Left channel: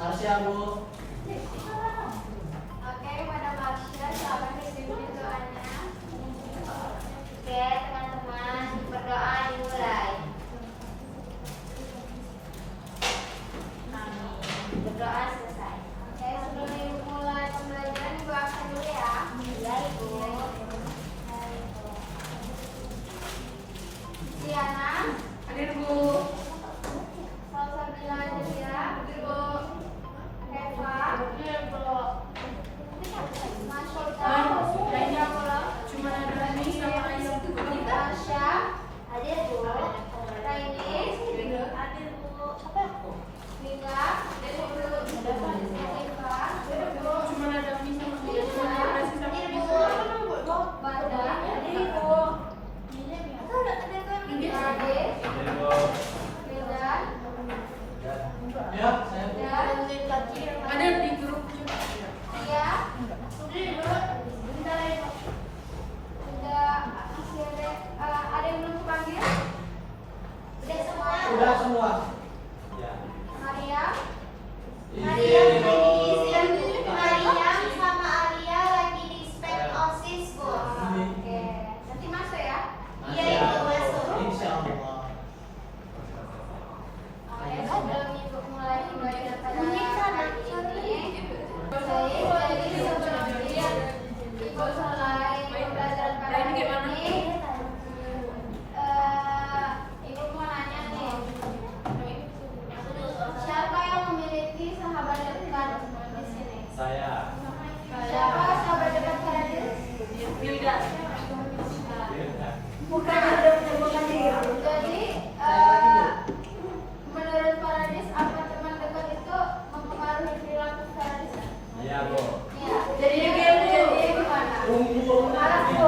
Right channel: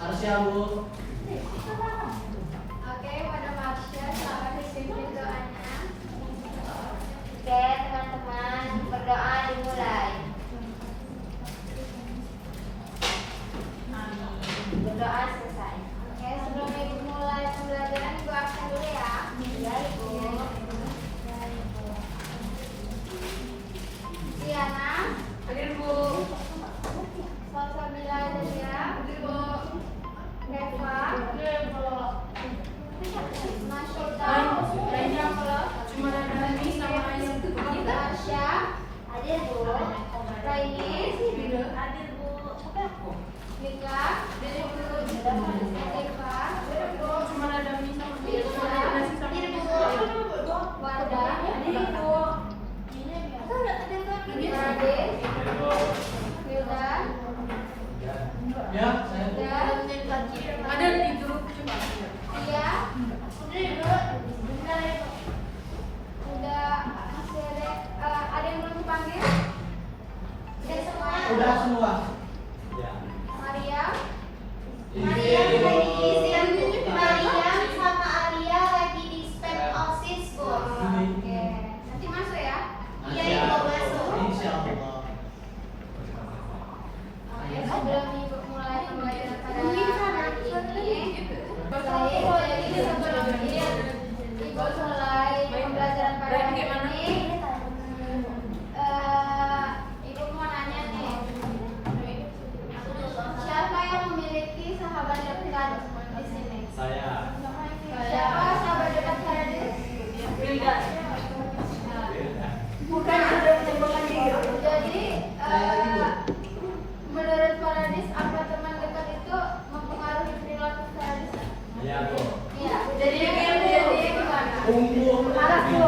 Marsha, Bu. Oke, pada Marsha, selamat dipimpin doanya. Oke, teman-teman, berdoa dimulai. Berdoa selesai. Oke, sebelum Ibu mulai pembelajaran, Ibu akan dulu ya. Baik, Ibu. Diana, Hadir, Bu. Salsabila Delia, Hadir, Bu. Eva, Masyika, Cuma ada ini sama ayam. Tasya, hadir Bu. Raini, hadir Bu. Lina, hadir Bu. Eva, Cuma ada mie sama ayam. Cuma ada nasi sama hadir ayam. Bu. Wardah, hadir Bu. Rade, Yuda, Ya, saya. dan Ada di grup coba. Iya. Udah ada yang belum dipanggil? Udah semua? Udah semua. Ya. Maria? Izin, Bu. Maria sama Alia lagi di spend OSIS, Bu. Oke. Nanti masuk ya? Iya, Ibu masuk. Insya Allah. Oke, sebelum Ibu mulai pembelajaran pada hari ini, Ibu mulai pembelajaran pada hari ini. Ibu mau nanya nih, siapa yang memiliki sahabat dekat di sini? Saya. Siapa sahabat dekat Haradis? Wilda. Bukan. Jadi, menurut Haradis, apa teman dekat itu mempengaruhi perilaku Haradis? Iya, Bu. Iya. Jadinya gimana? Kumpul. Marah, Bu.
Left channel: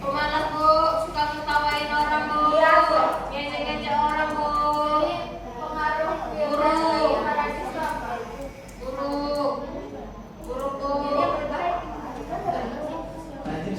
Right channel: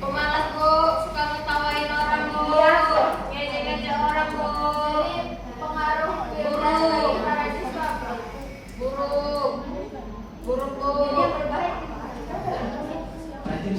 Pemalas, Bu. Suka ngetawain orang, Bu. Iya, Bu. Ngejek-ngejek orang, Bu. Jadi pengaruh Guru. Haradis itu apa? Guru. Guru, Bu. Jadi yang baik. Rajin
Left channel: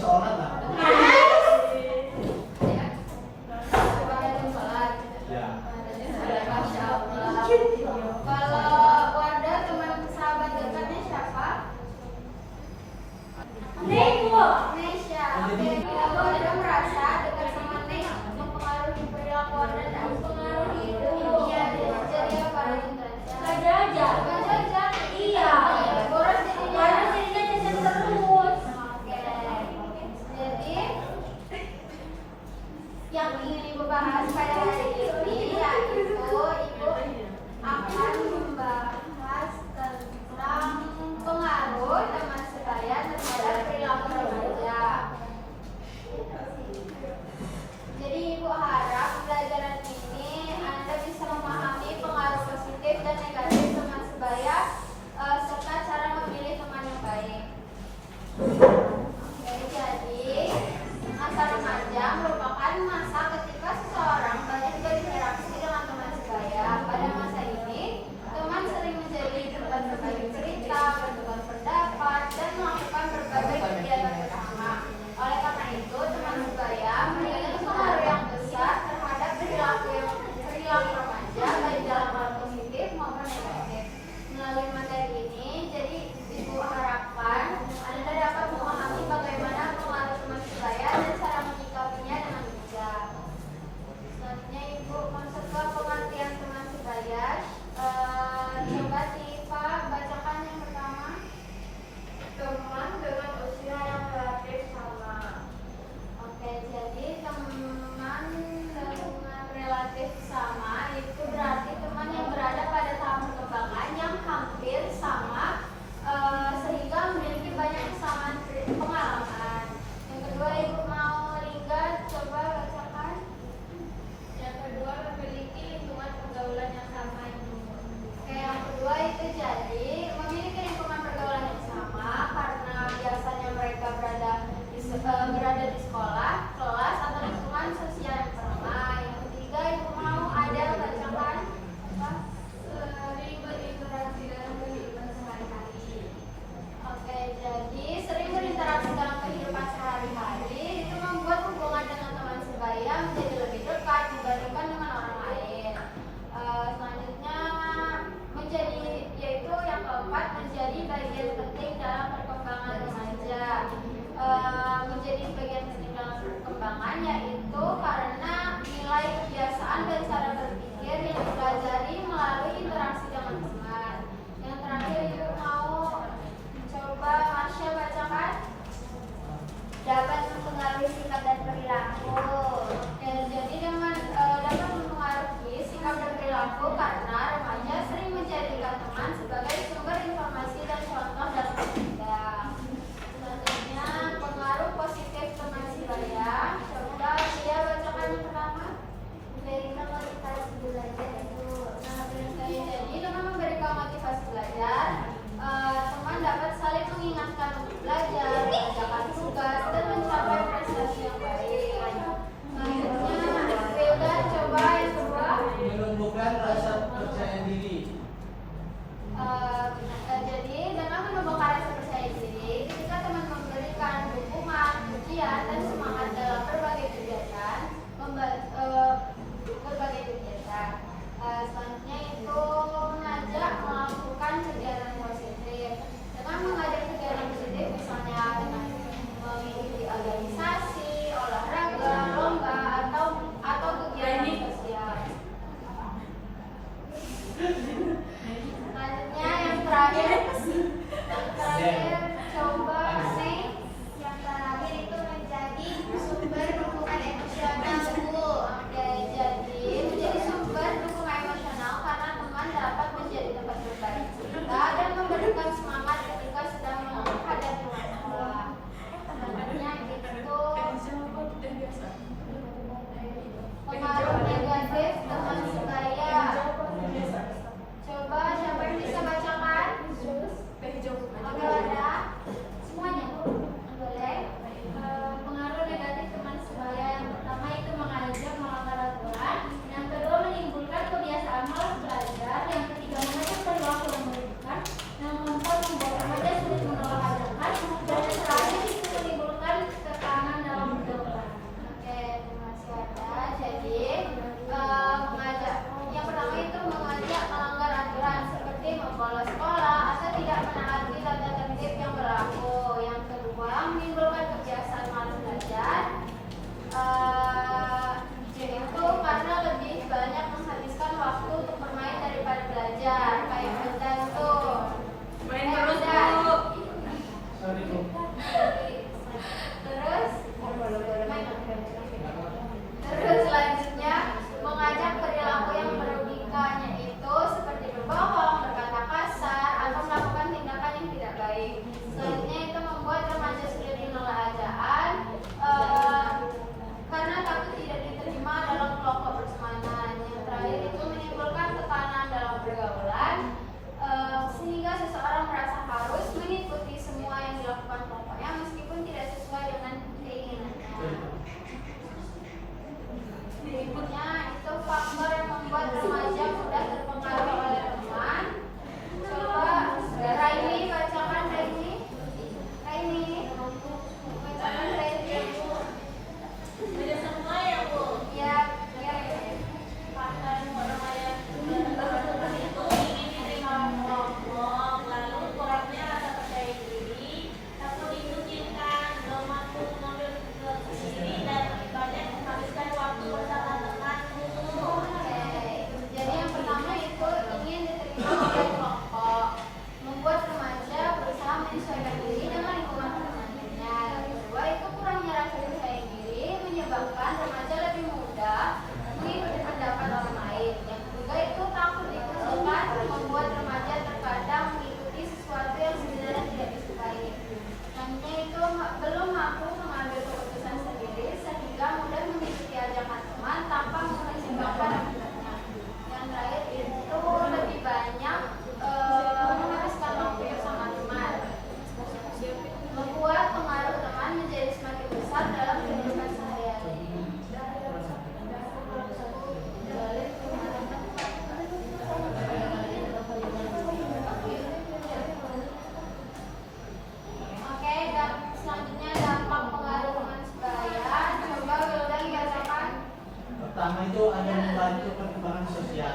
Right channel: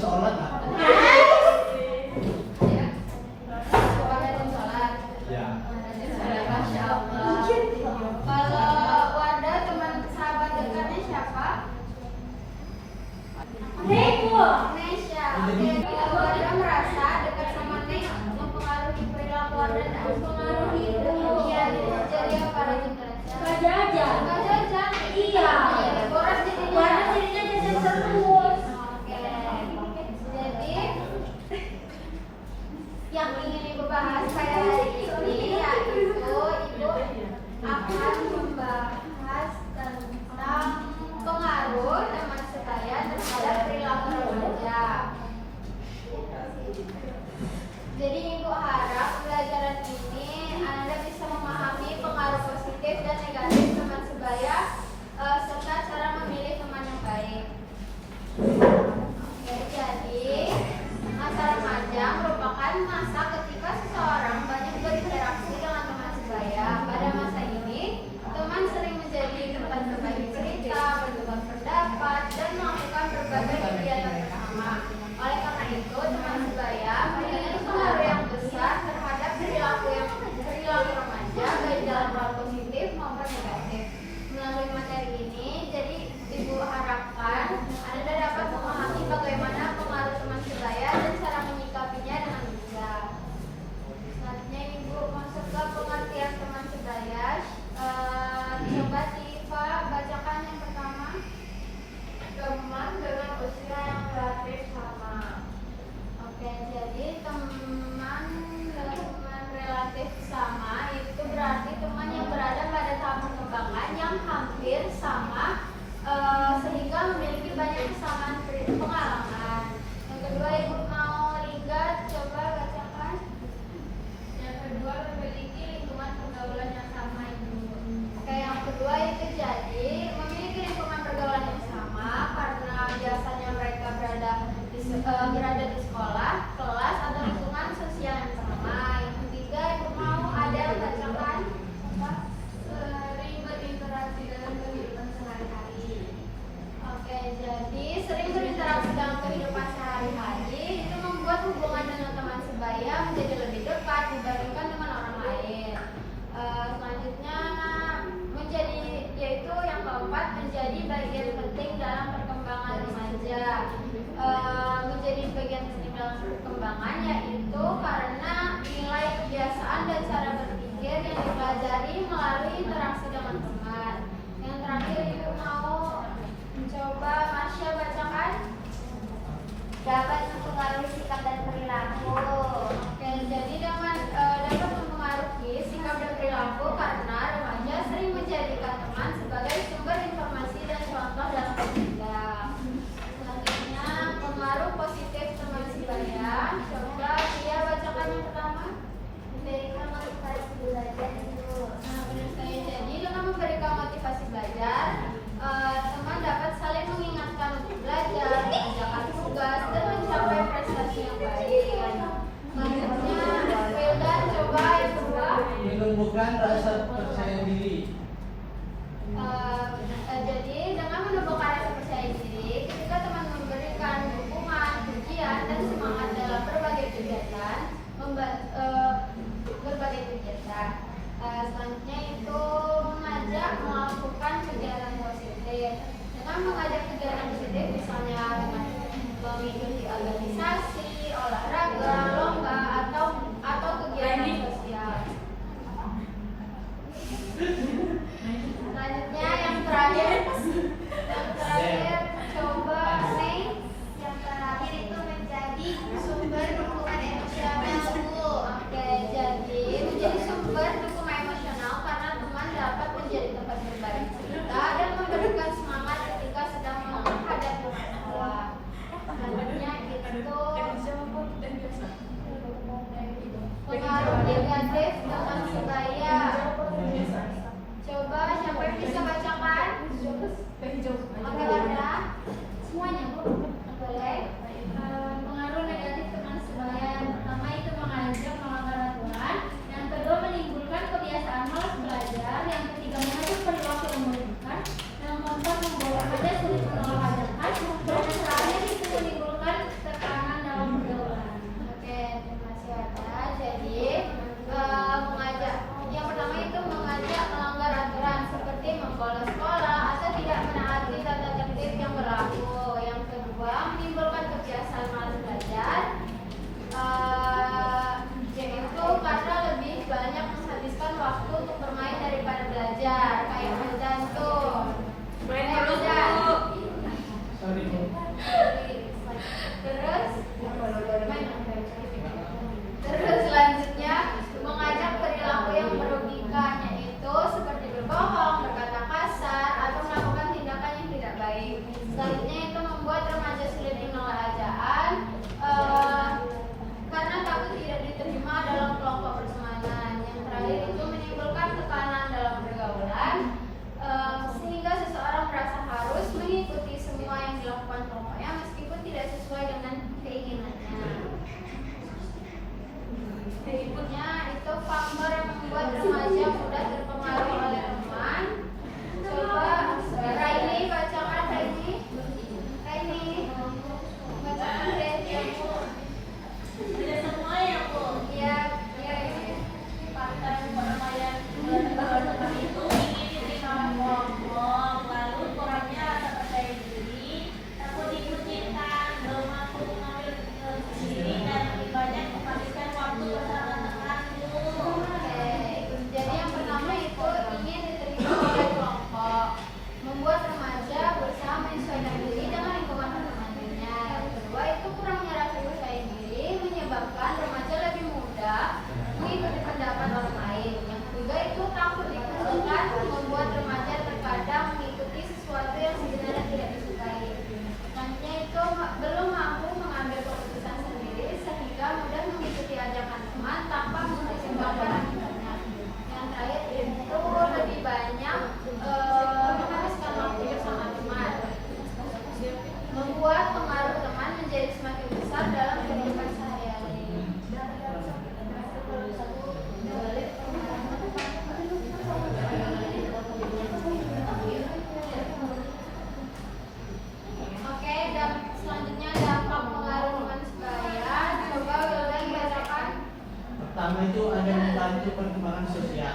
jantung. Main terus Udah. Bu. Sorry Bu. Terus selanjutnya mengajak perilaku yang merugikan, yaitu seperti berbohong, berkata kasar, atau melakukan tindakan yang tidak baik. Selanjutnya itu membuat remaja sulit menolak ajaan karena takut tidak diterima dalam kelompok pertemanan. Yang terakhir itu menimbulkan tekanan dalam pergaulan sehingga seseorang merasa harus mengikuti semua yang dilakukan tokohnya meskipun tidak sesuai dengan keinginannya. Berikutnya itu faktor yang membuat remaja mudah terpengaruh oleh teman. Coba Raini bacakan Raini. Bacakan Raini. Ada semua ya Bu. Ya, Faktor remaja teman itu ingin diterima kelompok, lalu kurangnya rasa percaya diri, takut dikucilkan, belum mampu mengambil keputusan sendiri, dan lebih banyak menghabiskan waktu bersama teman Bu. Jadi yang pertama itu ingin diterima oleh kelompok, membuat remaja berusaha menyesuaikan diri dengan lingkungan pertemanannya. Yang kedua itu kurangnya rasa percaya diri menyebabkan remaja lebih mudah mengikuti pendapat orang lain. Yang ketiga itu takut dikucilkan, membuat remaja terkadang mengikuti sesuatu yang sebenarnya tidak disukai. Selanjutnya itu belum mampu mengambil keputusan sendiri sehingga mudah mengikuti ajakan teman tanpa mempertimbangkan akibatnya. Yang terakhir itu lebih banyak menghabiskan waktu bersama teman, membuat pengaruh teman menjadi semakin besar dalam kehidupan sehari-hari. Oke, dan selanjutnya dampak pengaruh teman sebaya. Coba Wildan bacakan. Pertama itu ada membantu perkembangan sosial.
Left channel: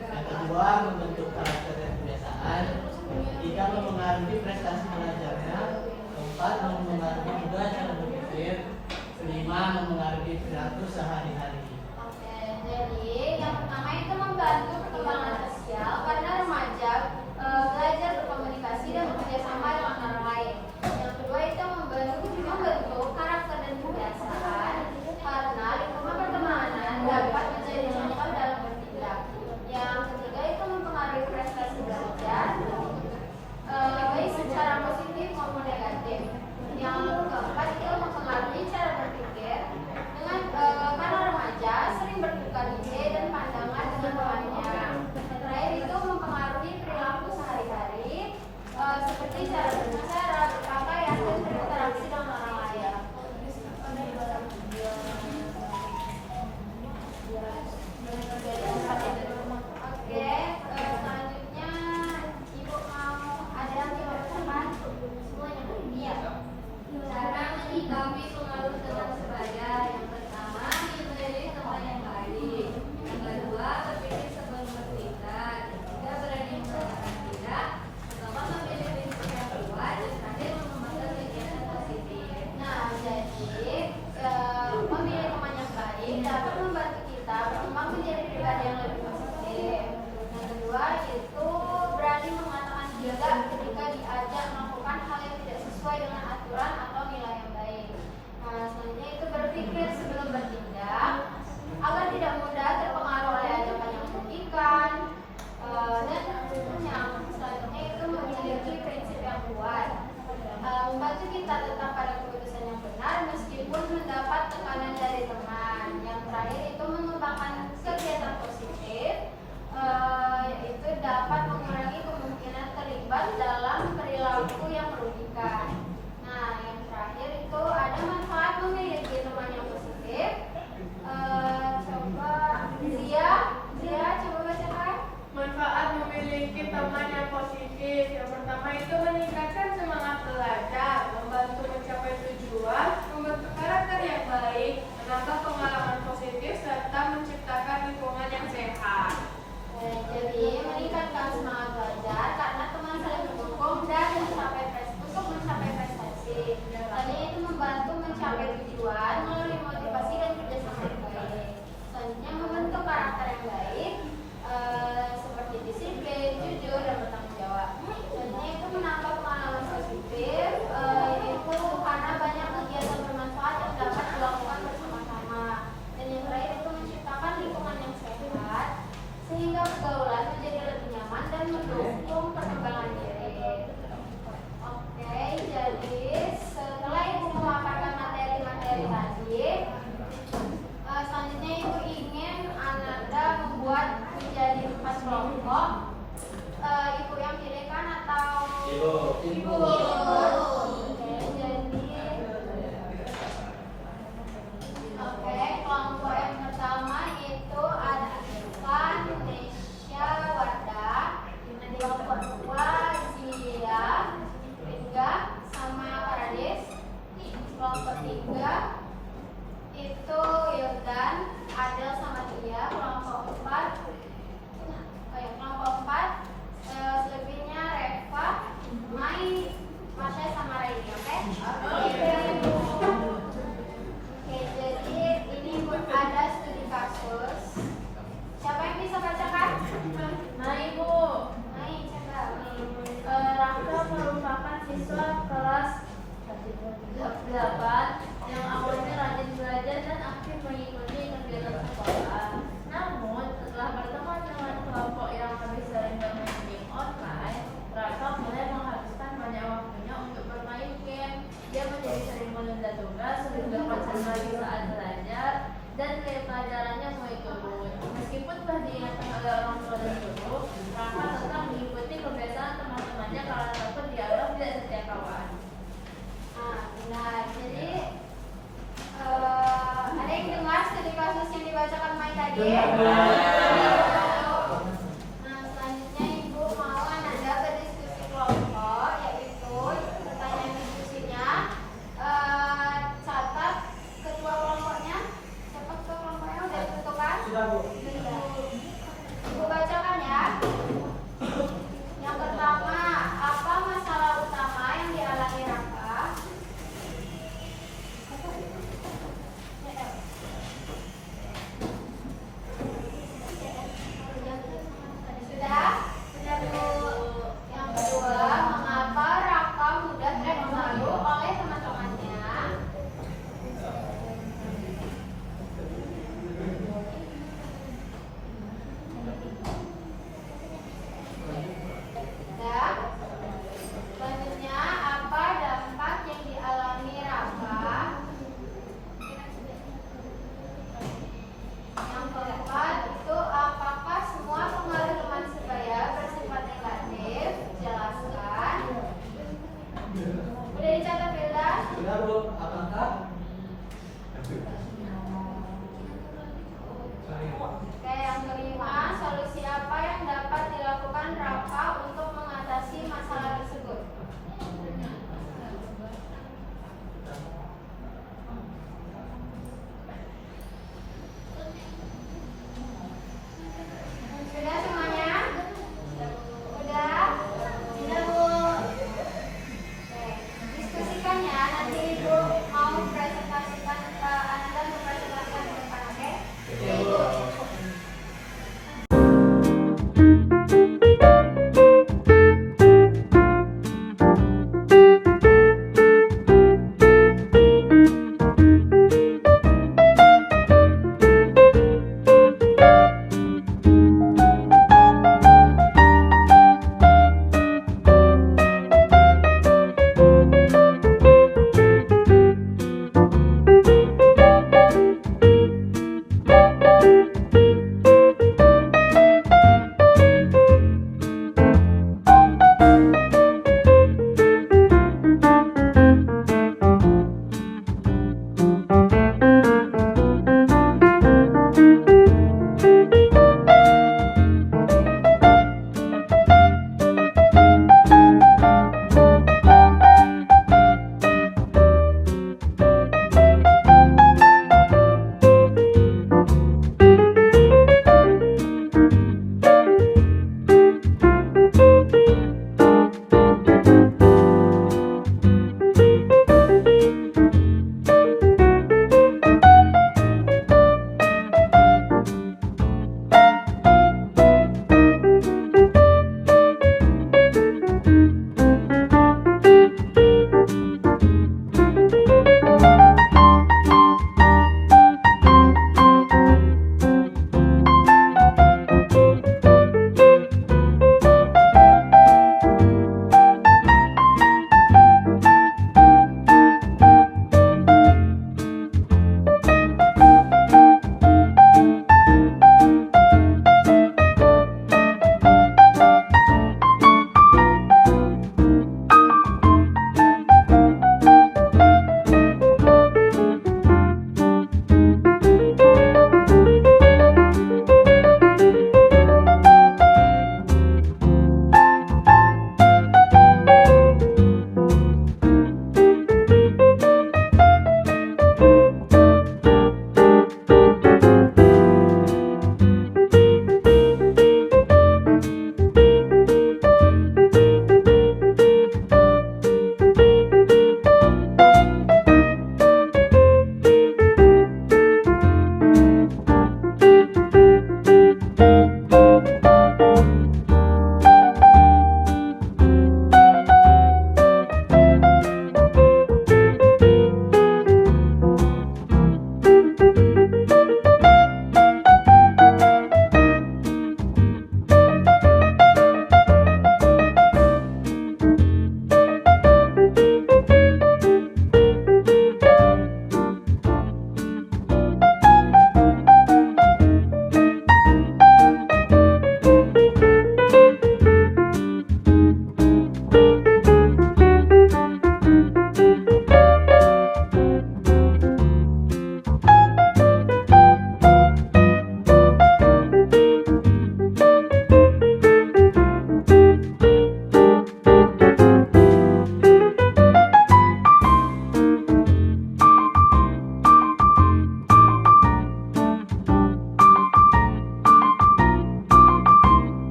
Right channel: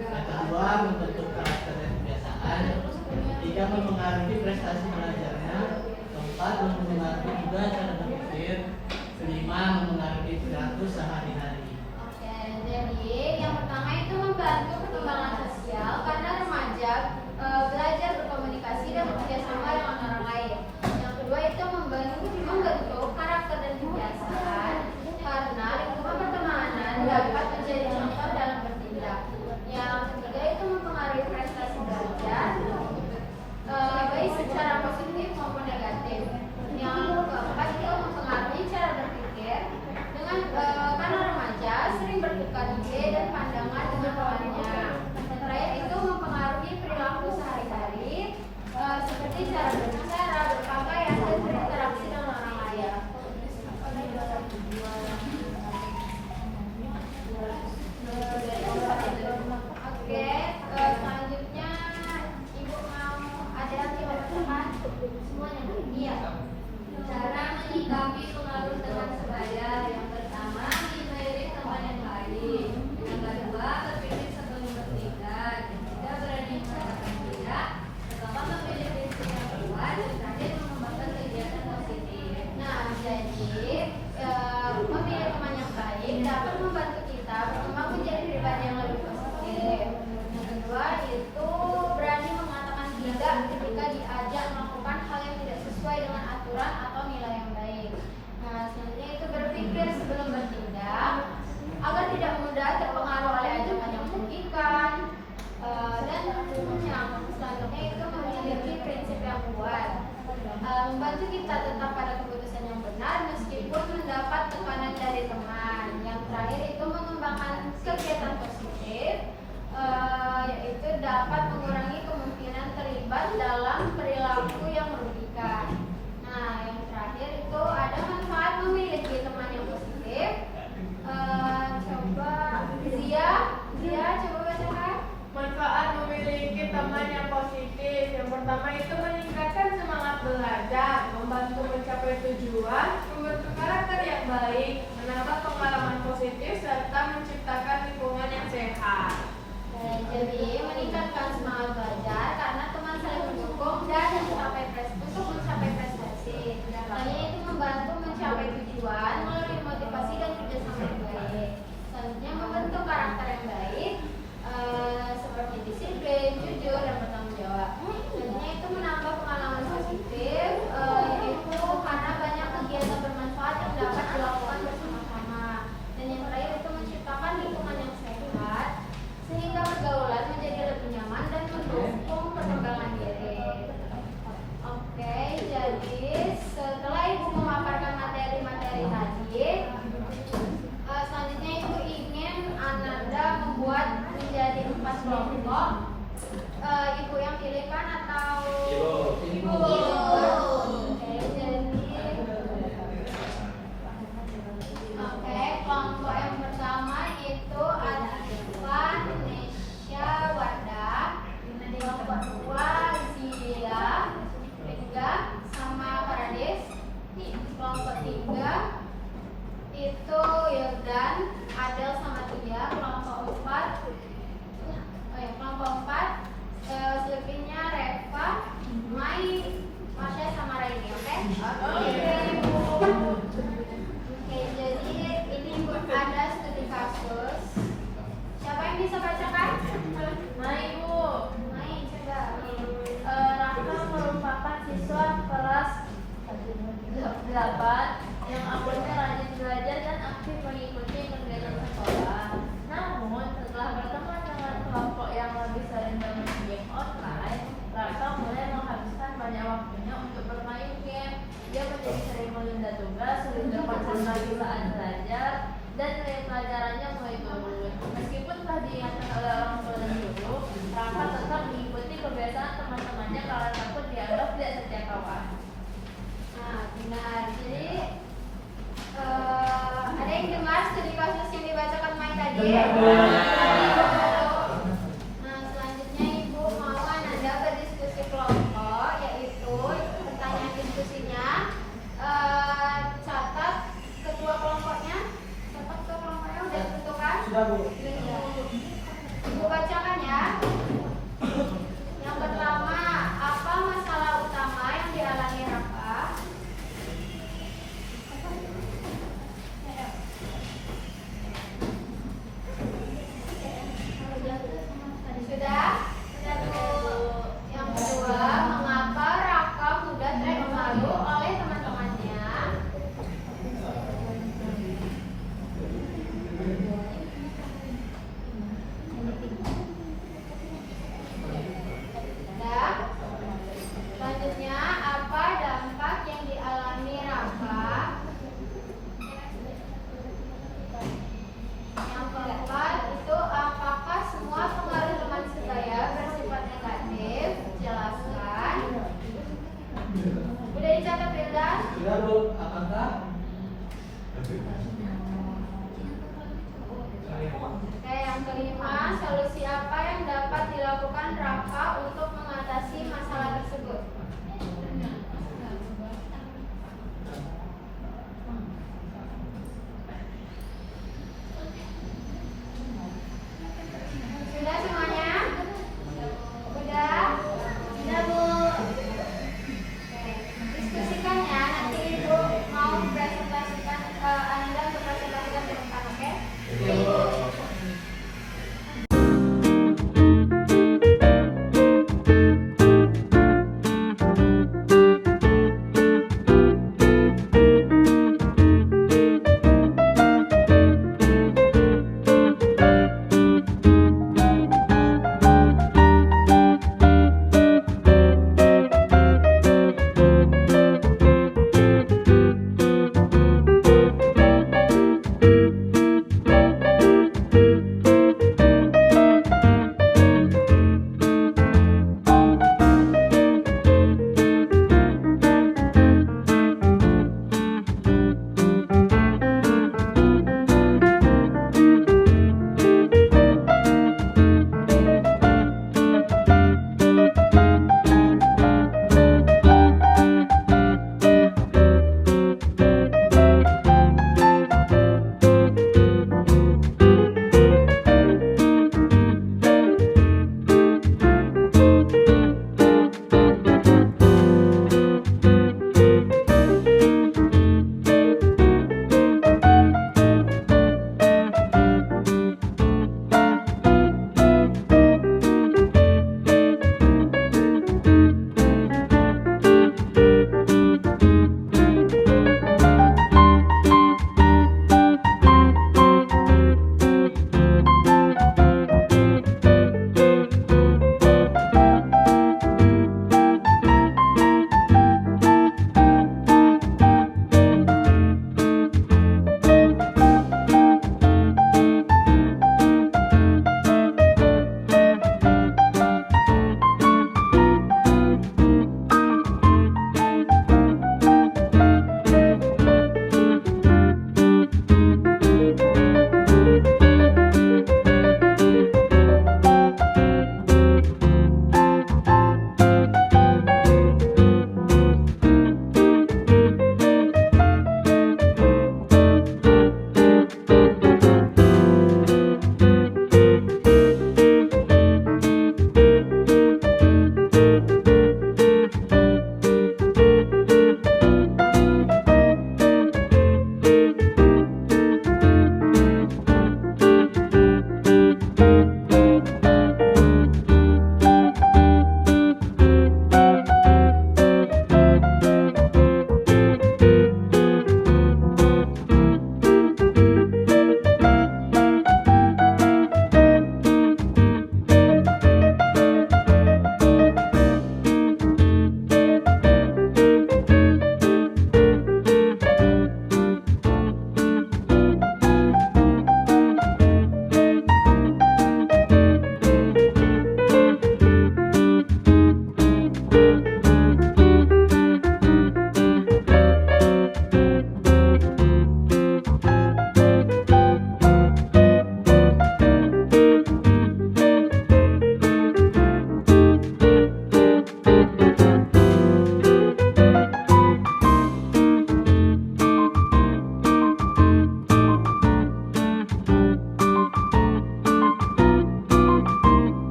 Yang kedua membentuk karakter dan kebiasaan. Ketiga mempengaruhi prestasi belajarnya. Keempat mempengaruhi juga cara berpikir. Kelima mempengaruhi perilaku sehari-hari. Oke, jadi yang pertama itu membantu perkembangan sosial karena remaja belajar berkomunikasi dan bekerja sama dengan orang lain. Yang kedua itu membentuk karakter dan kebiasaan karena lingkungan pertemanan dapat menjadi contoh dalam bertindak. Yang ketiga itu mempengaruhi prestasi belajar baik secara positif maupun negatif. Yang keempat itu mempengaruhi cara berpikir dengan karena remaja sering bertukar ide dan pandangan dengan temannya. Terakhir itu mempengaruhi perilaku sehari-hari seperti cara berbicara, berpakaian, dan berinteraksi dengan orang lain. Oke, selanjutnya Ibu mau ada yang dibacakan semuanya ini ya. Cara menyikapi pengaruh teman sebaya. Yang pertama, memilih teman yang baik. Yang kedua, berpikir sebelum bertindak. Yang ketiga, berani mengatakan tidak. Pertama, memilih prinsip yang kuat. Dan terakhir, mengembangkan kegiatan positif. Nah, jadi memilih teman yang baik dapat membantu kita berkembang menjadi pribadi yang lebih positif. Yang kedua, itu berani mengatakan tidak ketika diajak melakukan hal yang tidak sesuai dengan aturan atau nilai yang baik. Nah, selanjutnya itu berpikir sebelum bertindak agar tidak mudah terpengaruh oleh ajakan yang merugikan. Dan selanjutnya itu memiliki prinsip yang kuat, membantu kita tetap pada keputusan yang benar meskipun mendapat tekanan dari teman. Yang terakhir itu mengembangkan kegiatan positif, yaitu dapat mengurangi kemungkinan terlibat dalam perilaku yang merugikan. Nah, yang terakhir itu ada manfaat memiliki teman yang positif. Coba Zia coba bacakan. Manfaat memiliki teman yang positif. Yang pertama itu meningkatkan semangat belajar, membantu mencapai tujuan, membentuk karakter yang baik, menambah pengalaman positif, serta menciptakan lingkungan yang sehat. Jadi meningkatkan semangat belajar karena teman saling mendukung dan mencapai prestasi. Dan itu membantu mencapai tujuan melalui motivasi dan kerjasama yang baik. Selanjutnya membentuk karakter yang baik seperti disiplin, yang jujur dan bertanggung jawab. Selanjutnya itu menambah pengalaman positif, itu karena banyak kegiatan bermanfaat yang dapat dilakukan bersama-sama. Dan yang terakhir itu menciptakan lingkungan yang sehat sehingga pergaulan menjadi lebih nyaman dan mendukung perkembangan diri. Oke, jadi setelah ibu memaparkan materi-materi tadi, selanjutnya ibu ingin Ananda membuat menjadi 4 kelompok. Ibu yang pilihkan atau ibu? Oke, jadi kelompok yang pertama itu ada Ivan, Nesya, Wada. Kelompok kedua Zia, Ega, sama Paradis. Kelompok tiga itu Yildan, Adel sama Tia. Kelompok empat Silvinya, Reva, Mai, Masya sama Raini. Oke? Oke, jadi ini ada studi kasus. Siapa yang bisa bacakan? Nah Ibu, Mai, coba. Raka merupakan siswa kelas 8 yang akunnya rajin belajar dan aktif mengikuti kegiatan sekolah. Namun, setelah berteman dengan kelompok yang lebih sering bermain game online, Raka mulai menghabiskan banyak waktunya untuk bermain game. Dia menjadi sering menunda tugas, sudah konsentrasi saat belajar, dan nilai pelajarannya mulai turun. Meskipun telah diingatkan oleh orang tua dan guru, Raka tetap mengikuti kebiasaan teman-temannya karena takut dianggap tidak setia kawan. Nah, benar. Jadi ada yang dengar studi kasus yang dibacakan Mai tadi? Nah, selanjutnya Ibu mau Ananda berdiskusi kelompok, yaitu pertanyaan diskusinya. Catat kedua kelompoknya. Catat kedua kelompoknya udah ditentukan? Sudah, Bu. Sudah. Ibu bacakan ya. Yang pertama, apa masalah utama yang dialami Raka?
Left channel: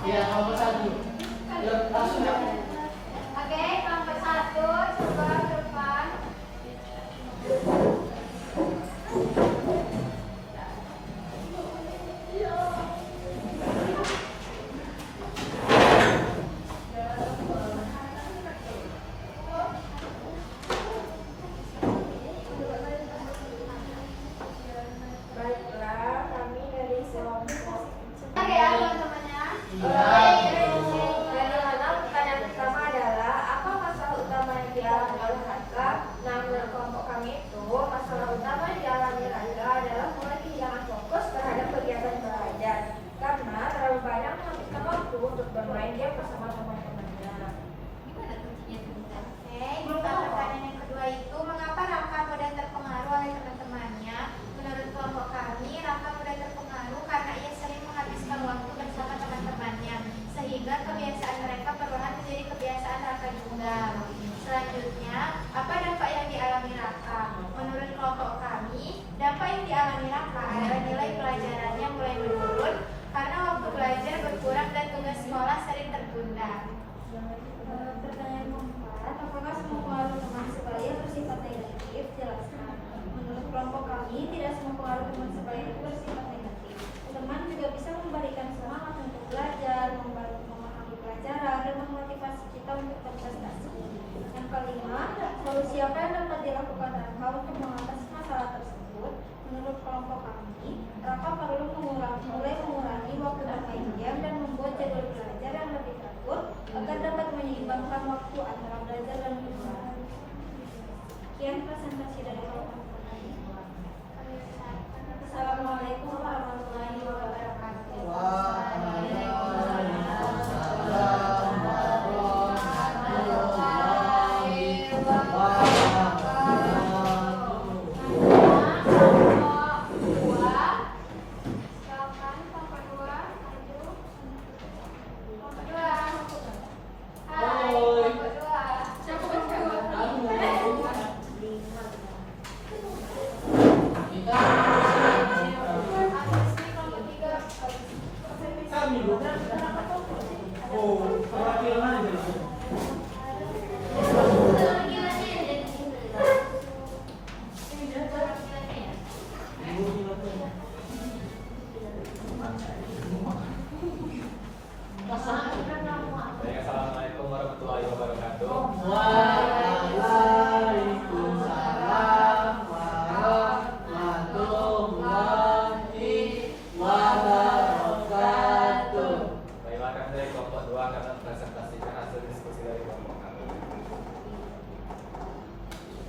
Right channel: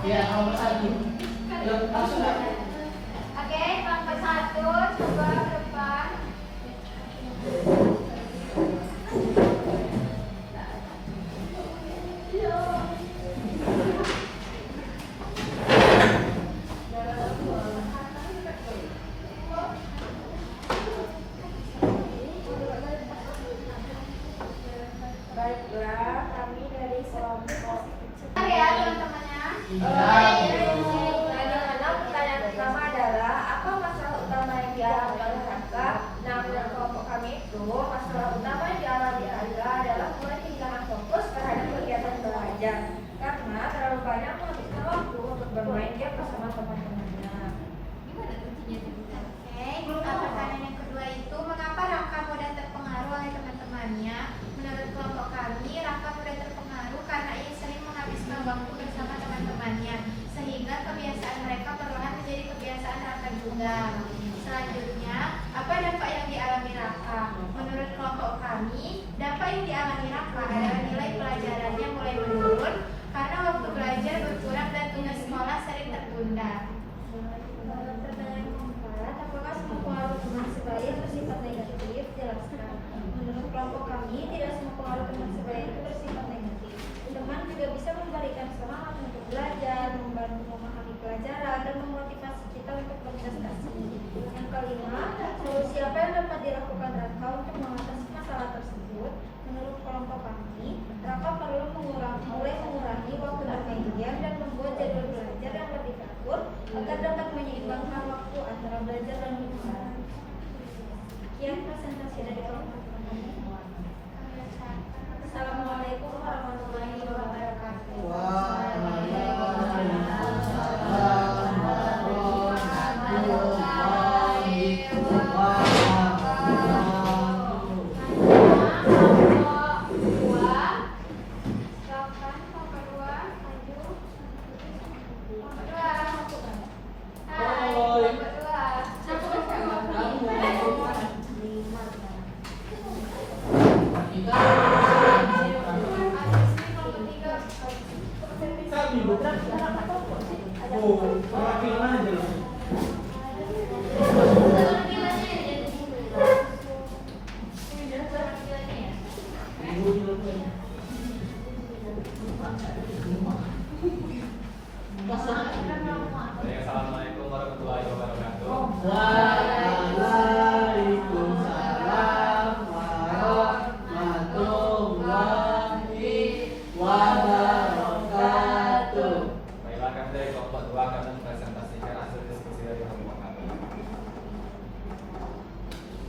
Ya, nomor 1. Yuk, langsung ya. Oke, kelompok 1 coba ke depan. Baiklah, kami dari kelompok. Bentar ya teman-temannya. Anak-anak, pertanyaan pertama adalah apa masalah utama yang dialami oleh Raka? Nah, menurut kelompok kami itu, masalah utama yang dialami Raka adalah mulai kehilangan fokus terhadap kegiatan belajar karena terlalu banyak menghabiskan waktu untuk bermain game bersama teman-temannya. Gimana kuncinya sebentar? Oke, pertanyaan yang kedua itu mengapa Raka mudah terpengaruh oleh teman-temannya? Menurut kelompok kami, Raka mudah terpengaruh karena ia sering menghabiskan waktu bersama teman-temannya, sehingga kebiasaan mereka perlahan menjadi kebiasaan Raka juga. Selanjutnya, apa dampak yang dialami Raka? Menurut kelompok kami, dampak yang dialami Raka adalah nilai pelajarannya mulai menurun karena waktu belajar berkurang dan tugas sekolah sering tertunda. Pertanyaan keempat, apakah semua pengaruh teman sebaya bersifat negatif? Jelaskan. Menurut kelompok kami, tidak semua pengaruh teman sebaya itu bersifat negatif. Teman juga bisa memberikan semangat untuk belajar, membantu memahami pelajaran, dan memotivasi kita untuk berprestasi. Yang kelima, solusi apa yang dapat dilakukan Raka untuk mengatasi masalah tersebut? Menurut kelompok kami, Raka perlu mulai mengurangi waktu bermain game dan membuat jadwal belajar yang lebih teratur agar dapat menyeimbangkan waktu antara belajar dan hiburan. Sekian presentasi dari kelompok kami. Assalamualaikum warahmatullahi wabarakatuh. Assalamualaikum warahmatullahi wabarakatuh. Waalaikumsalam warahmatullahi wabarakatuh. Baiklah, kami dari kelompok 2 akan mempresentasikan hasil diskusi dari kelompok kami.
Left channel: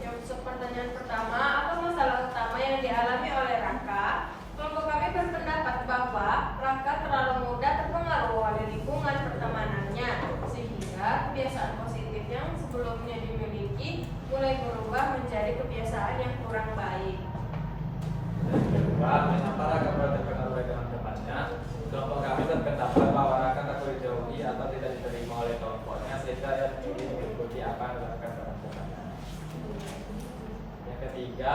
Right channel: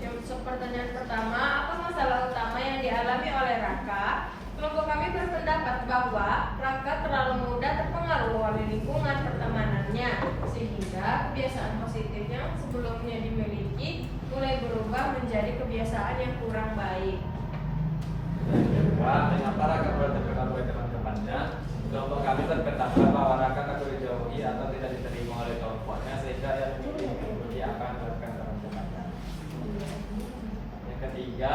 Untuk pertanyaan pertama, apa masalah utama yang dialami oleh Raka? Kelompok kami berpendapat bahwa Raka terlalu mudah terpengaruh oleh lingkungan pertemanannya, sehingga kebiasaan positif yang sebelumnya dimiliki mulai berubah menjadi kebiasaan yang kurang baik. Kedua, mengapa Raka mulai terpengaruh oleh teman-temannya? Kelompok kami berpendapat bahwa Raka takut dijauhi atau tidak diterima oleh kelompoknya, sehingga ia memilih mengikuti apa yang dilakukan teman-temannya. Yang ketiga,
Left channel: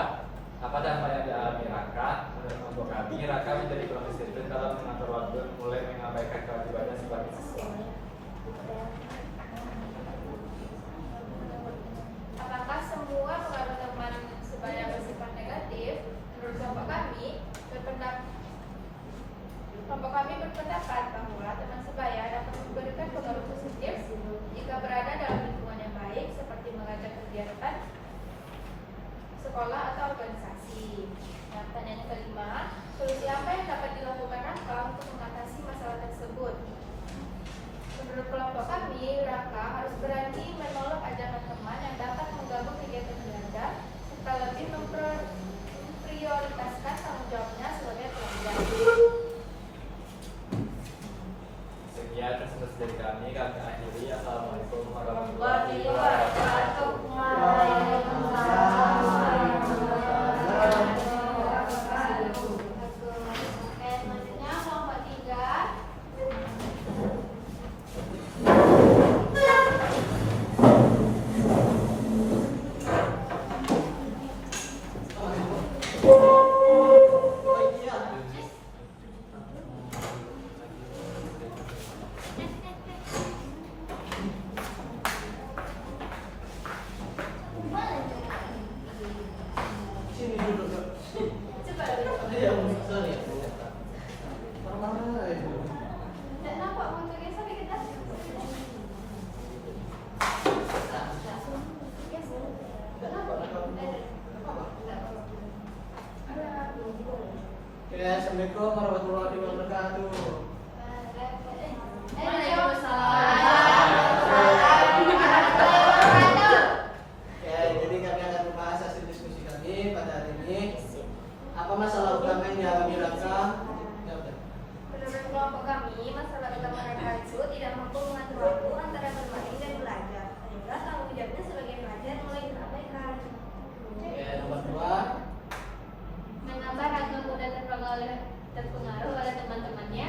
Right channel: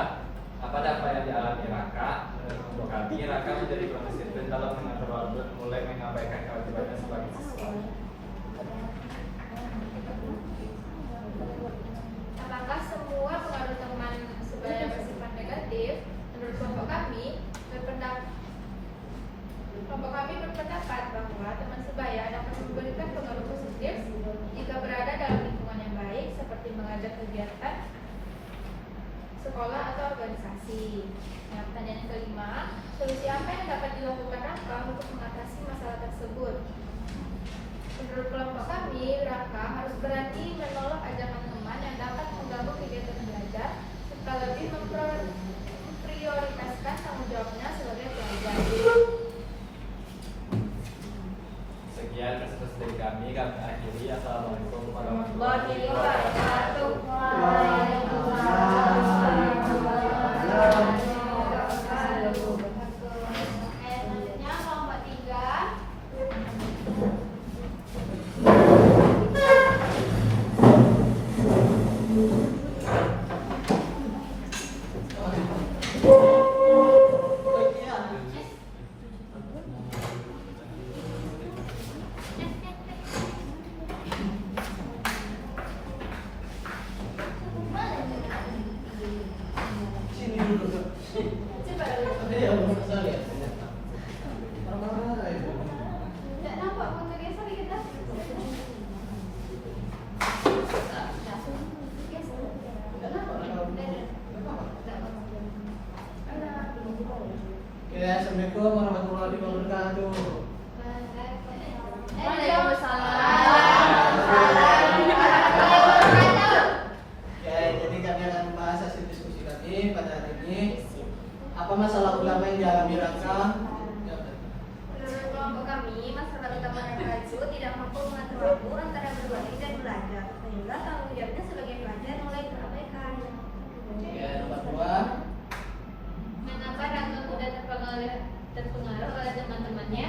apa dampak yang dialami Raka? Menurut kelompok kami, Raka menjadi konsisten dalam mengatur waktu dan mulai mengabaikan kewajibannya sebagai siswa. Apakah semua pengaruh teman sebaya bersifat negatif? Menurut kelompok kami berpendapat bahwa teman sebaya dapat memberikan pengaruh positif jika berada dalam lingkungan yang baik seperti mengajak kegiatan sekolah atau organisasi. Nah, pertanyaan yang kelima, solusi apa yang dapat dilakukan Raka untuk mengatasi masalah tersebut? Menurut kelompok kami, Raka harus berani menolak ajakan teman yang dapat mengganggu kegiatan belajar serta lebih memprioritaskan tanggung jawabnya sebagai pelajar. Sekian presentasi dari kami akhiri. Assalamualaikum warahmatullahi Warahmatullahi wabarakatuh. Selanjutnya kelompok 3. Assalamualaikum warahmatullahi wabarakatuh. Oke, jadi kami akan membahas hasil diskusi kami pada hari ini. Apa masalah utama yang dialami Raka? Menurut kelompok kami, masalah utama mereka itu tidak mampu mengatur waktu antara bermain dan belajar, sehingga tanggung jawabnya sebagai pelajar mulai terabaikan. Oke, nomor 2. Mengapa Raka mudah terpengaruh oleh teman-temannya?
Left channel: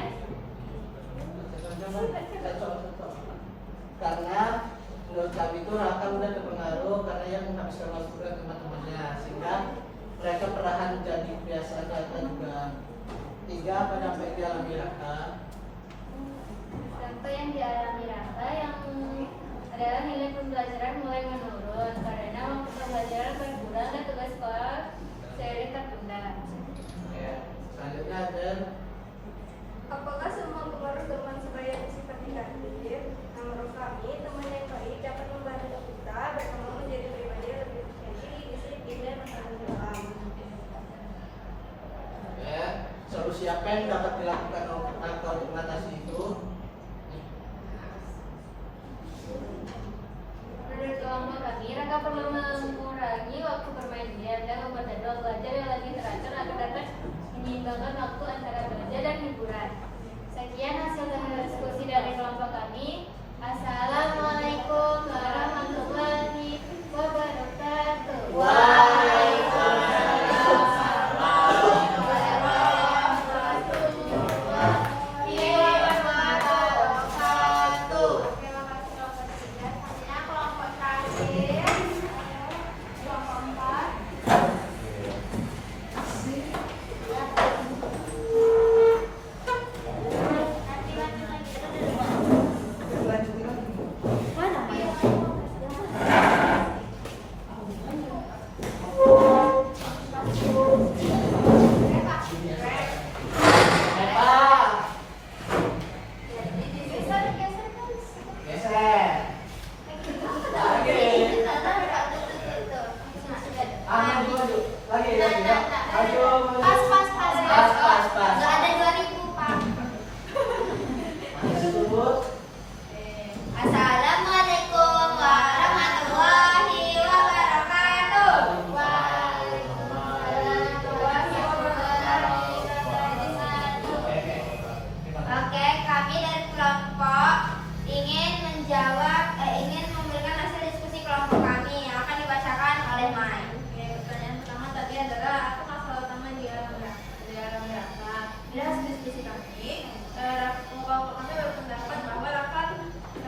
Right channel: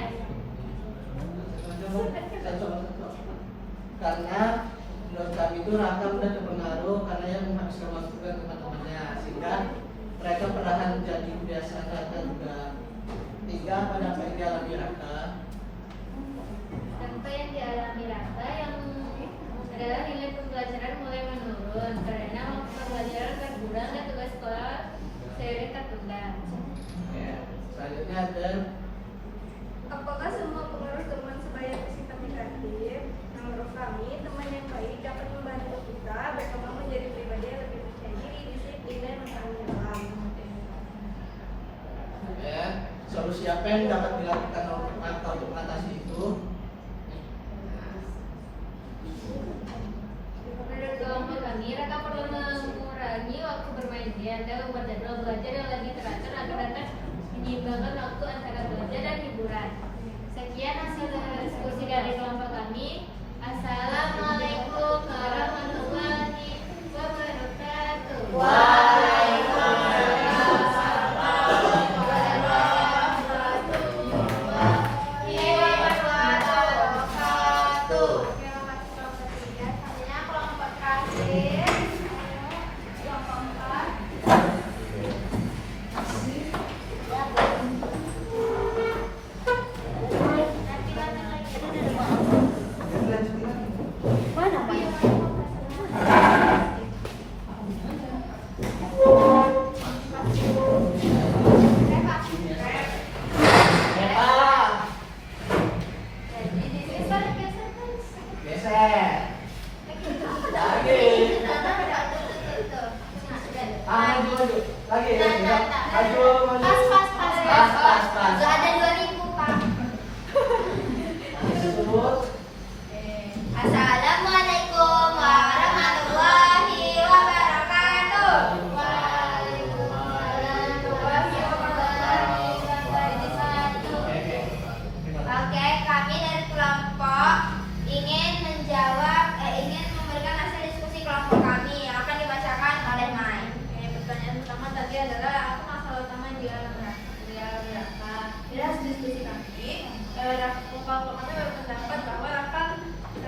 Karena menurut kami itu Raka mudah terpengaruh karena yang menghabiskan waktu dengan teman-temannya, sehingga mereka perlahan menjadi kebiasaan Raka juga. Hingga pada apa yang dialami Raka? Apa yang dialami Raka yang adalah nilai pembelajaran mulai menurun karena waktu pembelajaran berkurang dan tugas sekolah seiring tertunda. Oke, selanjutnya ada Apakah semua pengaruh teman sebaya bersifat negatif? Menurut kami, teman yang baik dapat membantu kita berkembang menjadi pribadi yang lebih percaya diri, disiplin, dan bertanggung jawab. Oke, solusi apa yang dapat dilakukan oleh Raka untuk mengatasi itu? Menurut kelompok kami, Raka perlu mengurangi waktu bermain game dan membuat jadwal belajar yang lebih teratur agar dapat menyeimbangkan waktu antara belajar dan hiburan. Sekian hasil diskusi dari kelompok kami. Assalamualaikum warahmatullahi wabarakatuh. Assalamualaikum warahmatullahi wabarakatuh. Oke, kami dari kelompok ingin memberikan hasil diskusi kelompok kami yang akan dibacakan oleh Mai. Pertanyaan pertama tadi adalah apa masalah utama yang dialami Raka? Dari hasil diskusi kami, kelompok kami berpendapat bahwa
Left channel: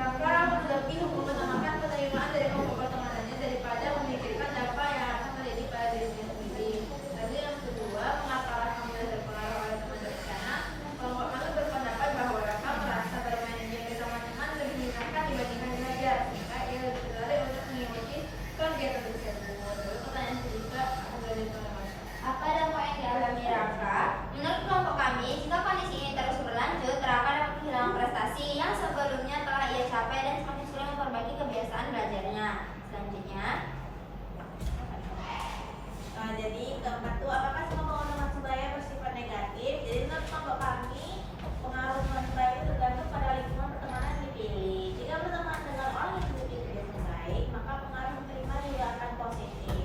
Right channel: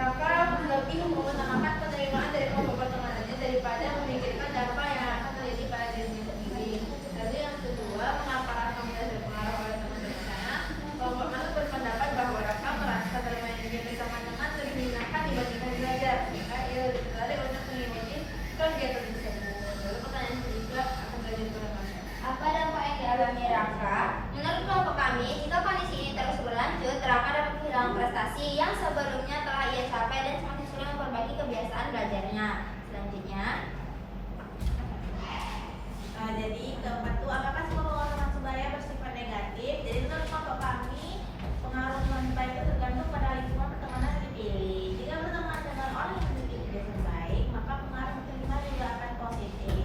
Raka lebih mengutamakan penerimaan dari kelompok pertemanannya daripada memikirkan dampak yang akan terjadi pada diri sendiri. Lalu yang kedua, kenapa Raka mudah terpengaruh oleh teman-temannya? Kelompok kami berpendapat bahwa Raka merasa bermain game bersama teman lebih menyenangkan dibandingkan belajar, sehingga ia lebih tertarik untuk mengikuti kegiatan tersebut. Lalu pertanyaan kedua akan terjadi pada apa dampak yang dialami Raka? Menurut kelompok kami, jika kondisi ini terus berlanjut, Raka dapat kehilangan prestasi yang sebelumnya telah ia capai dan semakin sulit memperbaiki kebiasaan belajarnya. Selanjutnya, Jadi keempat itu apakah semua pengaruh sebaya bersifat negatif? Jadi menurut kelompok kami, pengaruh teman sebaya itu tergantung pada lingkungan pertemanan yang dipilih. Jika berteman dengan orang yang tidak baik, maka pengaruh terima juga akan positif.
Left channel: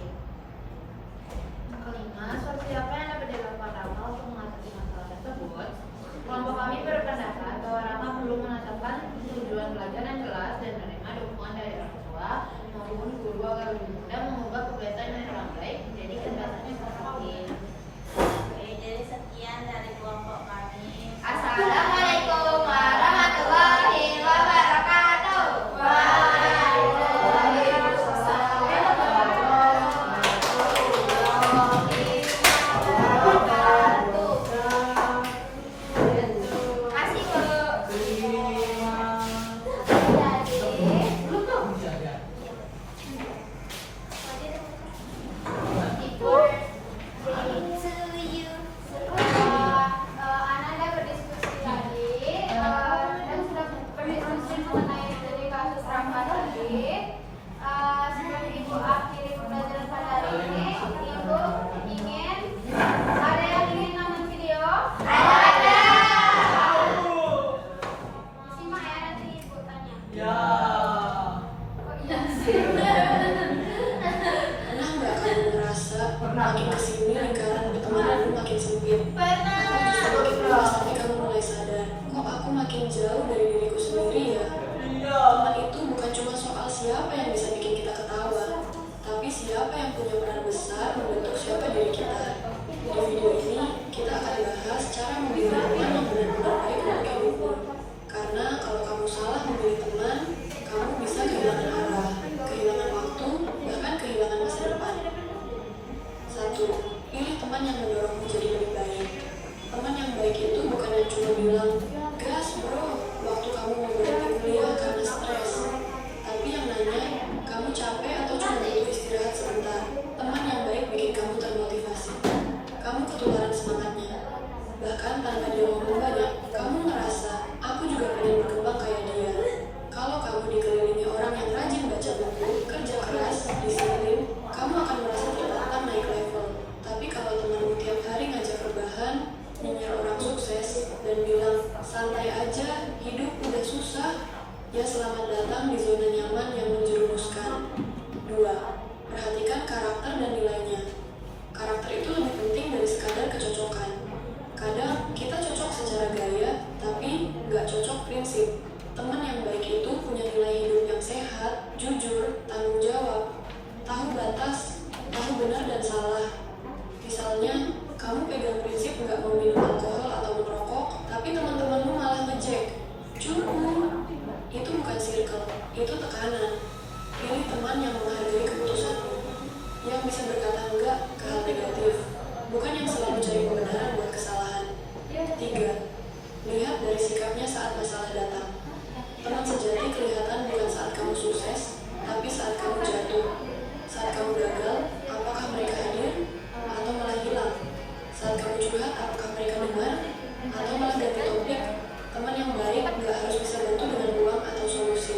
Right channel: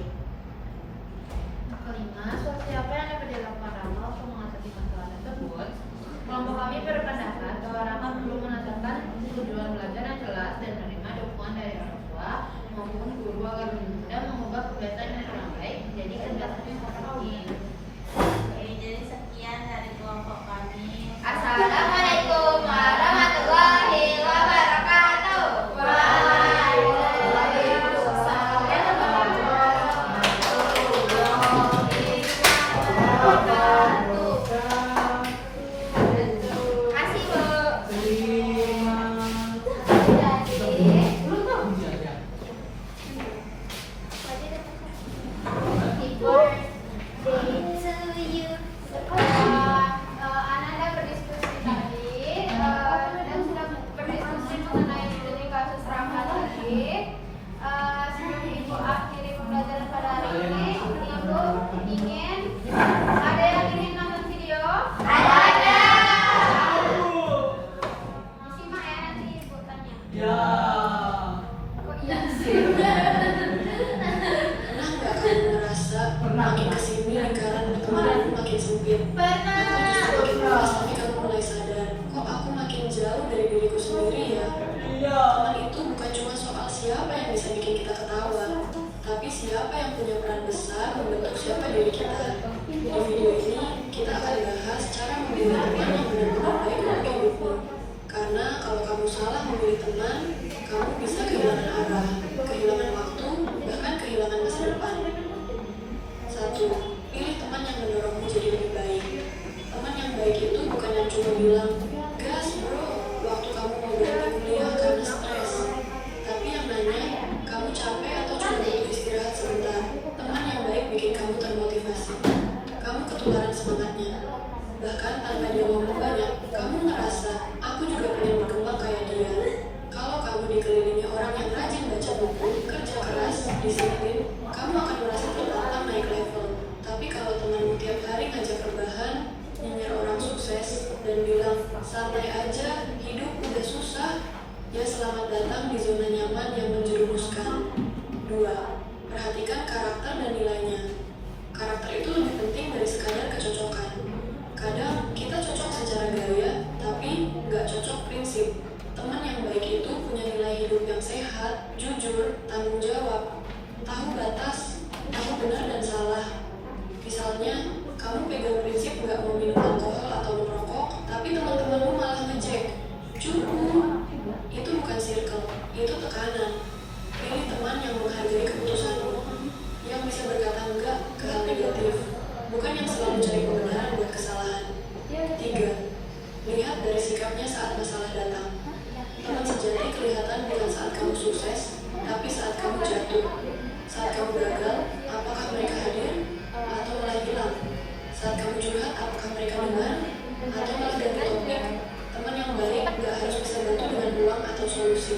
kelima, solusi apa yang dapat dilakukan Raka untuk mengatasi masalah tersebut? Kelompok kami berpendapat bahwa Raka perlu menentukan tujuan belajar yang jelas dan menerima dukungan dari orang tua tahu dari diriku sendiri ya. Teman itu bukan cuma soal siapa yang bisa bikin kita ketawa, tapi siapa yang punya peran besar membentuk siapa diri kita. Di video ini, kita akan bahas cara memilih teman yang benar-benar baik untuk hidupmu. Karena kalau kamu salah memilih teman, kamu bisa kehilangan arah, kehilangan waktu, bahkan kehilangan masa depan. 1. Pilih teman yang mendorongmu jadi lebih baik. Teman yang baik itu bukan yang cuma bilang, gas bro, waktu kamu mau berhenti kuliah karena stres. Tapi yang nanya, kamu capek atau cuma butuh istirahat sebentar. Teman yang baik bikin kamu termotivasi. Kamu ketularan semangatnya. Bahkan tanpa dia ngomong banyak, kamu ngerasa, aku juga pengen berkembang kayak dia. Kalau kamu dikelilingi orang yang rajin baca buku, kerja keras, disiplin, kamu akan merasa tertantang naik level. Tapi kalau temanmu tiap hari ngajak rebahan, nyinyir orang sukses, dan bilang, santai aja, hidup udah susah, ya selamat datang di zona nyaman yang menjerumuskan. 2. Perhatikan karakter dan nilainya. Karakter itu lebih penting dari sekadar kecocokan. Kadang kita cocok secara gaya, tapi nggak cocok prinsip. Teman yang baik itu punya nilai hidup yang sehat, jujur, tanggung jawab, tahu batas, tahu benar dan salah. Misalnya, kamu pegang prinsip nggak mau minum alkohol atau merokok, tapi teman-temanmu malah ngejek. Cukup. Itu bukan circle, itu tekanan. Pilih teman yang menghargai keputusanmu, yang bisa berkata enggak ke hal negatif, bukan yang selalu cari kebenaran buat kesalahan. 3. Lihat dari sikapnya saat masalah datang. Teman sejati kelihatan bukan saat kamu sukses, tapi saat kamu jatuh. Saat kamu gagal, apakah mereka hadir? Atau malah hilang? Saat kamu curhat, apakah mereka dengar? Atau malah ganti topik? Teman yang baik gak harus bisa bantu dengan uang atau solusi,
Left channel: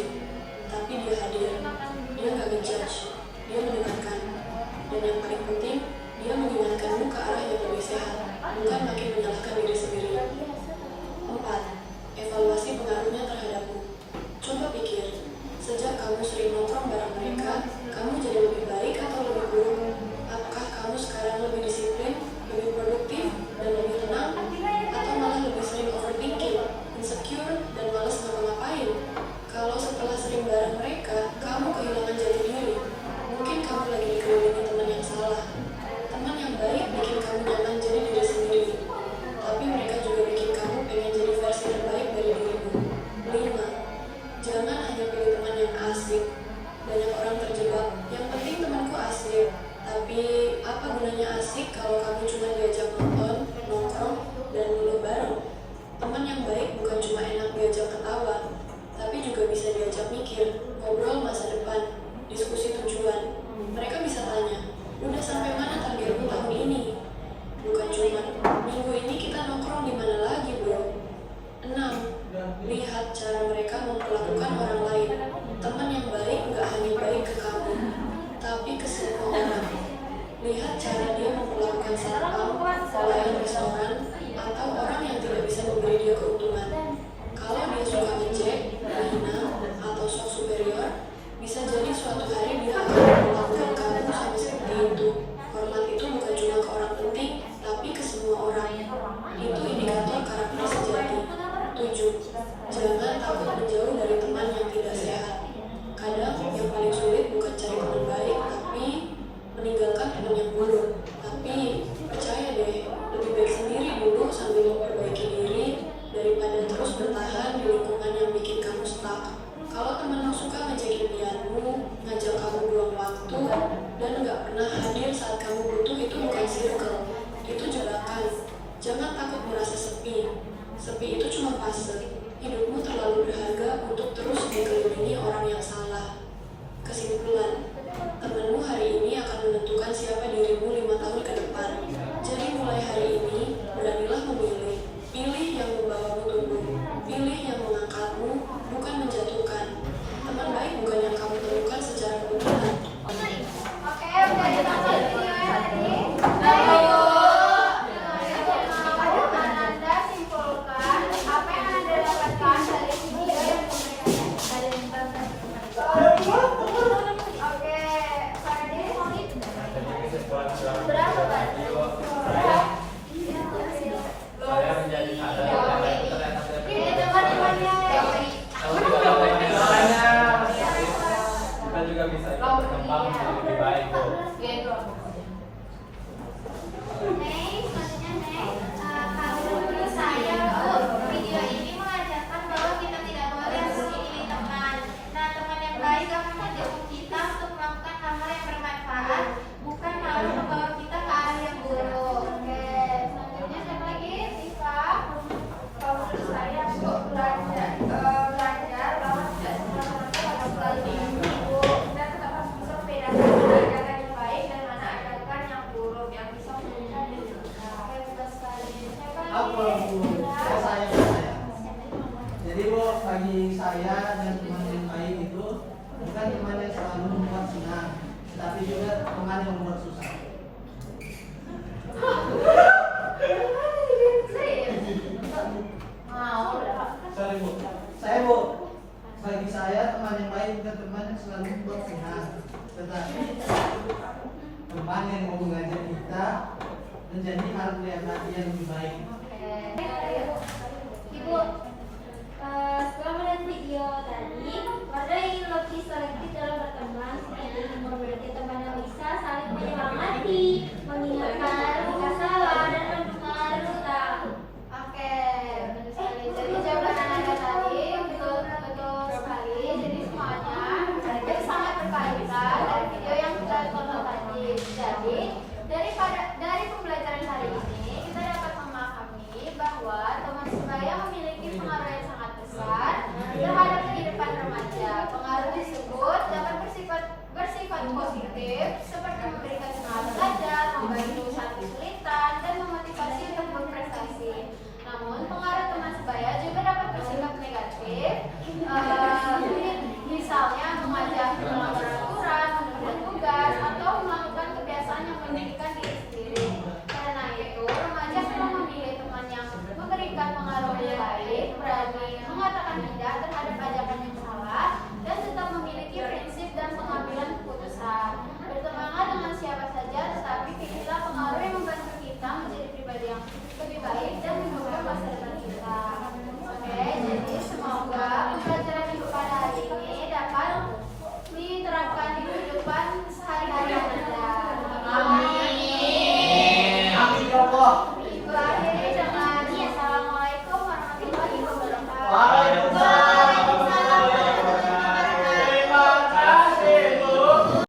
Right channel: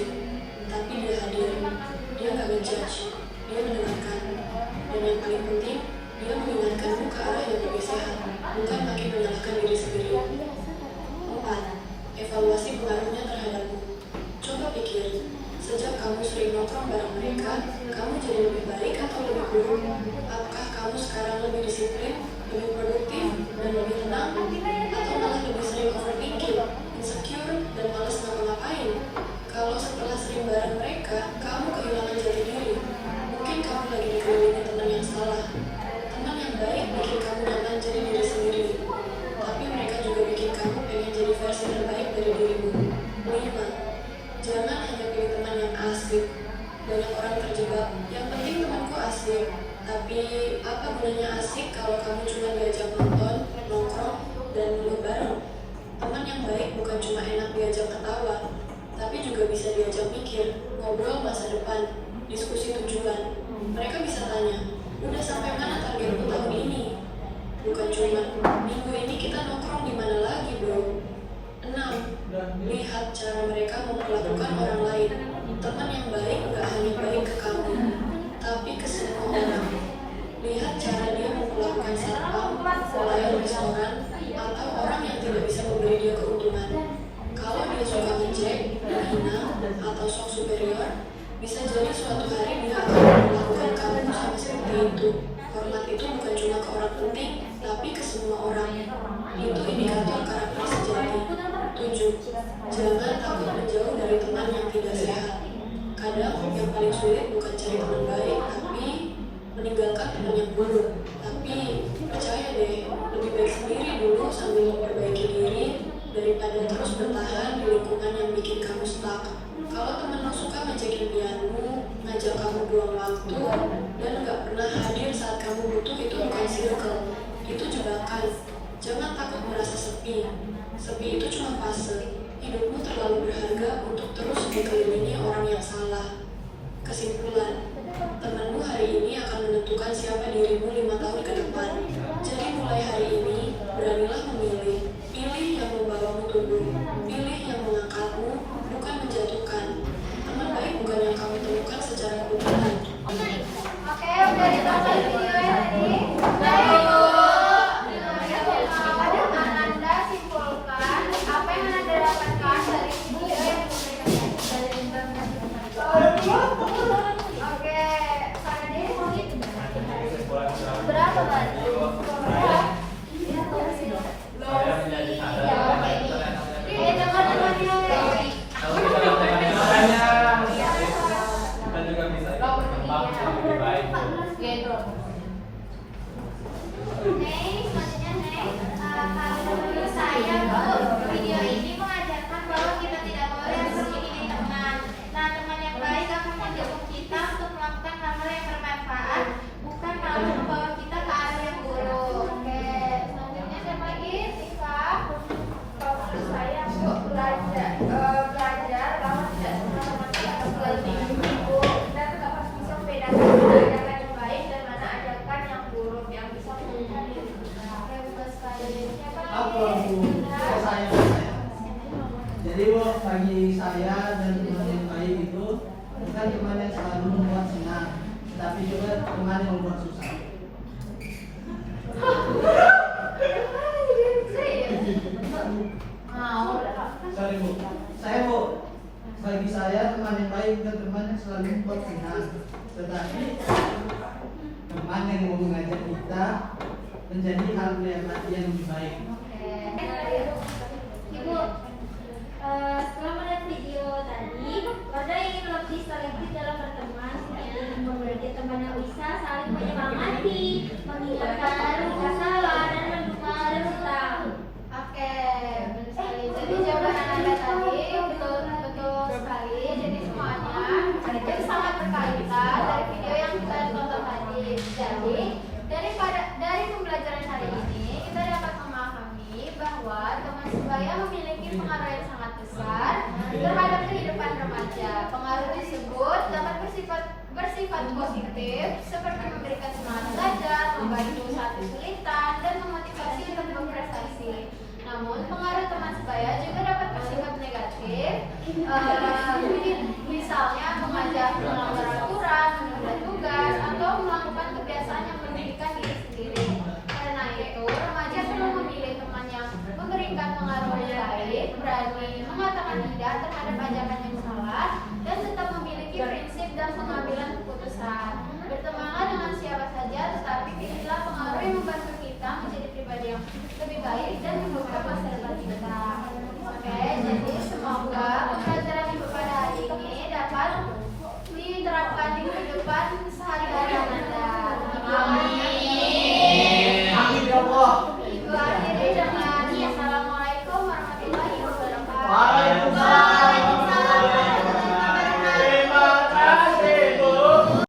tapi dia hadir. Dia gak ngejudge, dia mendengarkan. Dan yang paling penting, dia mengingatkanmu ke arah yang lebih sehat, bukan makin menyalahkan diri sendiri. 4. Evaluasi pengaruhnya terhadapmu. Coba pikir, sejak kamu sering nongkrong bareng mereka, kamu jadi lebih baik atau lebih buruk? Apakah kamu sekarang lebih disiplin, lebih produktif, dan lebih tenang? Atau malah lebih sering overthinking, insecure, dan malas ngapa-ngapain? Kalau setelah sering bareng mereka, kamu kehilangan jati diri, mungkin kamu lagi dikelilingi teman yang salah. Teman yang baik bikin kamu nyaman jadi diri sendiri, tapi mereka juga bikin kamu pengen jadi versi terbaik dari dirimu. 5. Jangan hanya pilih teman yang asik. Banyak orang terjebak, yang penting temanku asik. Tapi apa gunanya asik kalau kamu cuma diajak nonton, nongkrong, dan ngeluh bareng? Teman yang baik bukan cuma enak diajak ketawa, tapi juga bisa diajak mikir, ngobrol masa depan, diskusi tujuan. Mereka bisa tanya, udah sampai mana targetmu tahun ini? Bukan cuma, minggu ini kita nongkrong di mana lagi bro? 6. Lihat cara mereka memperlakukan orang lain. Teman yang baik gak hanya baik ke kamu, tapi ke semua orang. Lihat cara dia memperlakukan satpam, pelayan restoran, atau orang yang tidak bisa memberi dia keuntungan. Kalau dia suka ngejek, menghina, atau sok superior, bisa jadi suatu hari dia akan memperlakukan kamu sama seperti itu. Hormat itu bukan cuma ke orang penting, tapi ke semua orang. Itu indikator karakter sejati. 7. Jangan takut menjauh dari teman yang tidak sehat. Kadang yang paling sulit bukan cari teman baik, tapi meninggalkan teman yang buruk. Tapi percaya deh, lebih baik sendiri dulu sambil memperbaiki diri daripada terus bertahan di lingkungan yang bikin kamu stuck. Kalau temanmu suka ngajakin impianmu, ngajak kamu buang waktu, dan gak pernah hadir saat kamu butuh, itu bukan circle, itu jebakan. Jangan takut merasa sepi. Sepi itu cuma fase. Hidupmu terlalu berharga untuk terus dikelilingi orang yang salah. Kesimpulan, temanmu hari ini akan menentukan siapa dirimu 5 tahun ke depan. Jadi mulai hari ini, beranilah memilih. Pilih yang membawamu tumbuh. Pilih yang mengangkatmu, bukan menjatuhkan. belajar bahwa tidak semua teman harus selalu dihukum. Kita tetap harus bisa membedakan mana ajakan yang baik dan mana ajakan yang buruk yang bisa bebas sekali. Apa Bu? Saya. Jadi Bu, bagi saya dan teman yang baik itu bukan teman yang selalu membuat senang, tetapi juga teman yang membuat susah. Sorry Bu, saya Bu, bagi saya teman yang baik bukan teman yang selalu membuat senang, tetapi teman yang mau mengajak kita menjadi hal yang lebih baik. Ibu, setelah melihat video tadi, Wanda ingin lebih selektif dalam berteman, seperti memperbaiki teman yang bisa saling menyemangati, mengingatkan jika salah, dan selalu tahu. Oke, benar sekali. Jadi jawaban Anda tadi betul sekali. Jadi semuanya itu sangat berkaitan dari video yang kita tonton tadi. Jadi dari pembelajaran hari ini kita dapat memahami bahwa teman sebaya memiliki pengaruh yang sangat besar terhadap kehidupan remaja. Pengaruh tersebut dapat bersifat positif seperti memberikan semangat belajar, membantu saat kesulitan, dan memotivasi untuk berprestasi. Namun pengaruh teman sebaya juga dapat bersifat negatif, misalnya mengajak melanggar aturan, menunda tugas, atau melakukan kebiasaan yang merugikan diri sendiri. Karena itu, remaja perlu memilih teman yang memberikan pengaruh yang baik, berani mengatakan tidak terhadap